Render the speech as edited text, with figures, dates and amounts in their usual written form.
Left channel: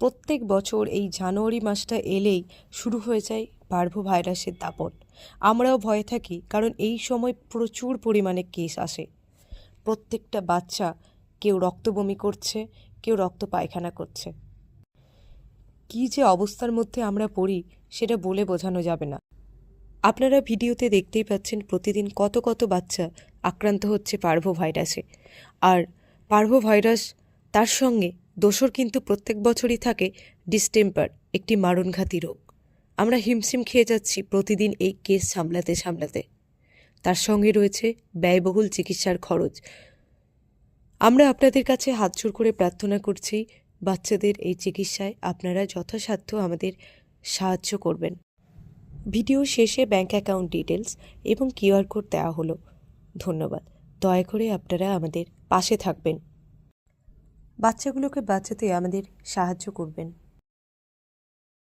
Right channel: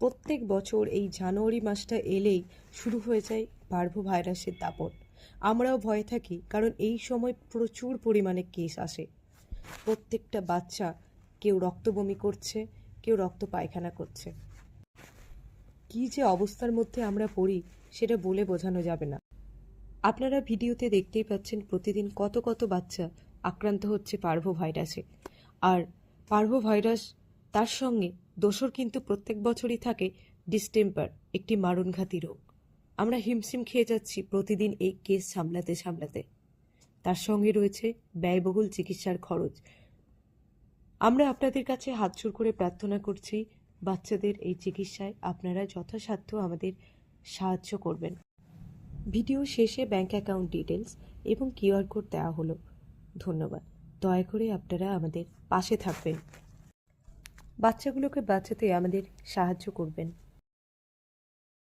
প্রত্যেক বছর এই জানুয়ারি মাসটা এলেই শুরু হয়ে যায় পার্ভো ভাইরাসের দাপট। আমরাও ভয়ে থাকি, কারণ এই সময় প্রচুর পরিমাণে কেস আসে। প্রত্যেকটা বাচ্চা কেউ রক্ত বমি করছে, কেউ রক্ত পায়খানা করছে। কী যে অবস্থার মধ্যে আমরা পড়ি সেটা বলে বোঝানো যাবে না। আপনারা ভিডিওতে দেখতেই পাচ্ছেন প্রতিদিন কত কত বাচ্চা আক্রান্ত হচ্ছে পার্ভো ভাইরাসে। আর পার্ভো ভাইরাস, তার সঙ্গে দোসর কিন্তু প্রত্যেক বছরই থাকে ডিস্টেম্পার, একটি মারণঘাতী রোগ। আমরা হিমশিম খেয়ে যাচ্ছি প্রতিদিন এই কেস সামলাতে সামলাতে। তার সঙ্গে রয়েছে ব্যয়বহুল চিকিৎসার খরচ। আমরা আপনাদের কাছে হাতজোড় করে প্রার্থনা করছি, বাচ্চাদের এই চিকিৎসায় আপনারা যথাসাধ্য আমাদের সাহায্য করবেন। ভিডিও শেষে ব্যাংক অ্যাকাউন্ট ডিটেলস এবং কিউআর কোড দেওয়া হলো। ধন্যবাদ। দয়া করে আপনারা আমাদের পাশে থাকবেন, বাচ্চাগুলোকে বাঁচাতে আমাদের সাহায্য করবেন।